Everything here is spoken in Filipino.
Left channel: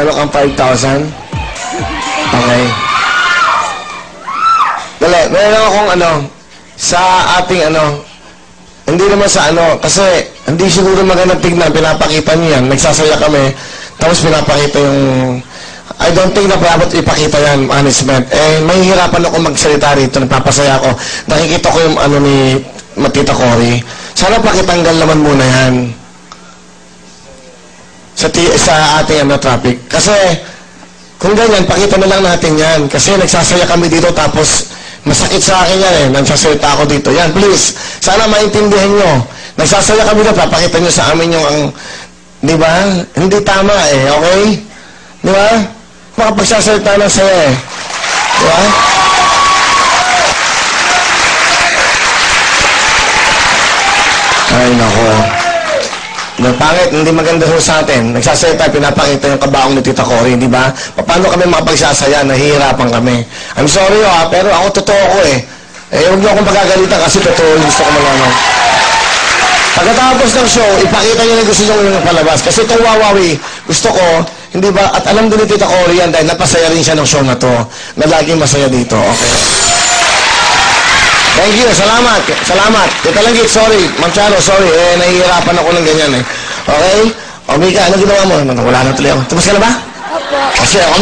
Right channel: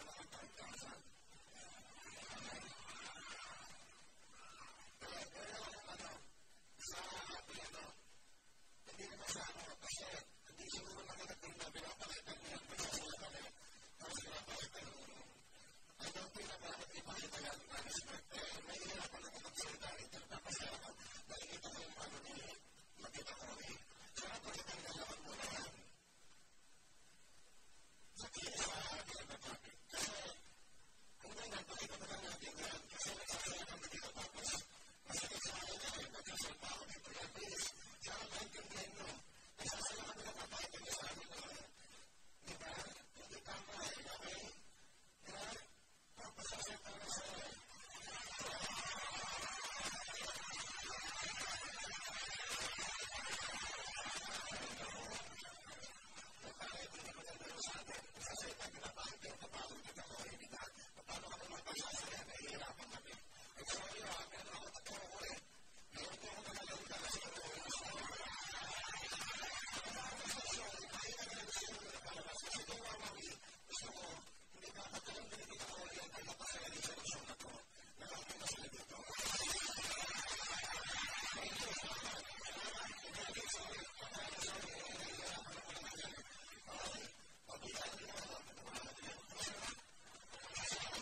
meron kang 5,000? Okay. Dali, meron akong sa ating hindi naman sa kasi hindi siguro magandang tignan, pinapakita niyo yan, nagsasaya kami, tapos pinapakita yung, I don't think na dapat ipakita yan, management. Mahihirapan ako magsalita rito, nagpapasaya ako, nakikita ko yung ni Matita Cory. Sana pakitanggal naman muna yan. Sa ating traffic. Kasi, kung ganyan, pakita na lang natin yan. Kasi nagsasaya kami dito, tapos masakit sa akin yan nagsasalita ako dito. Yan, please. Sana maintindihan nyo. Nagsasaya kami dito, papakita nyo sa amin yung di ba? Hindi tama okay? Di ba? Makapagsasalita ng saya Di ba? Ay, nako. Pangit, hindi maganda sa atin. Nagsasaya pinapakita yung kabaong ni Tita Cory, di ba? Paano kami makapagsasaya? Nahihirapan kami. I'm sorry pero ako totoo ko huwag niyo akong pagagalitan kasi totoo yung gusto ko malaman. Pagkatapos ng show, ipakita niyo na gusto niyo yung palabas. Kasi itong Wawawi, gusto ko, hindi ba, at alam din ni Tita Cory yan dahil napasaya rin siya ng show na to, na laging masaya dito, okay? Thank you, salamat. Salamat. Tita Langgit, sorry. Ma'am Charo, sorry. Nahihirapan ako ng ganyan Okay? O, Mika, ano ginawa mo? Wala na tuloy ako. Tapos ka na ba? Opo. Kasi ako